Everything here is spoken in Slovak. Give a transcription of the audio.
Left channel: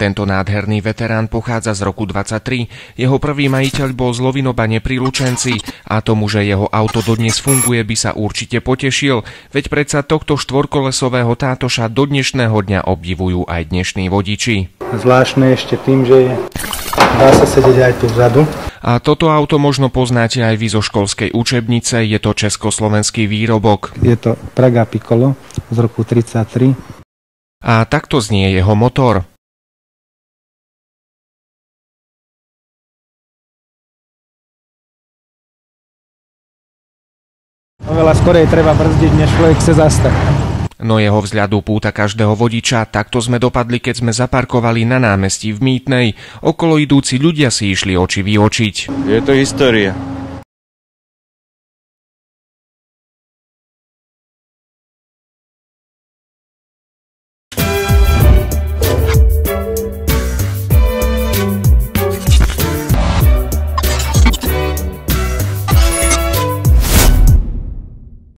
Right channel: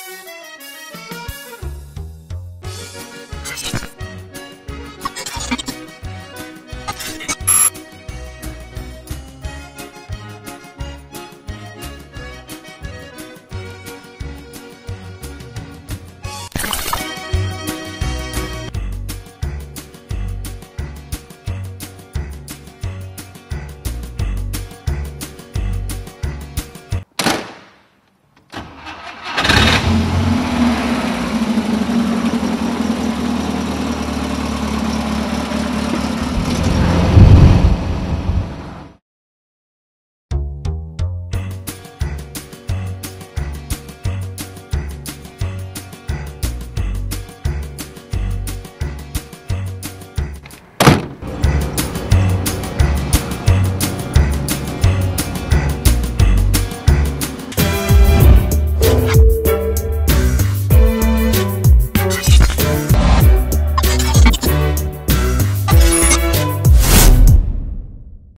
Tento nádherný veterán pochádza z roku 23. Jeho prvý majiteľ bol z Lovinobane pri Lučenci a tomu, že jeho auto dodnes funguje, by sa určite potešil, veď predsa tohto štvorkolesového tátoša do dnešného dňa obdivujú aj dnešní vodiči. Zvláštne ešte tým, že dá sa sedieť aj tu vzadu. A toto auto možno poznáte aj vy zo školskej učebnice, je to československý výrobok. Je to Praga Piccolo z roku 33. A takto znie jeho motor. Oveľa skorej treba brzdiť, než človek chce zastaviť. No jeho vzhľadu púta každého vodiča, takto sme dopadli, keď sme zaparkovali na námestí v Mýtnej. Okolo idúci ľudia si išli oči vyočiť. Je to história.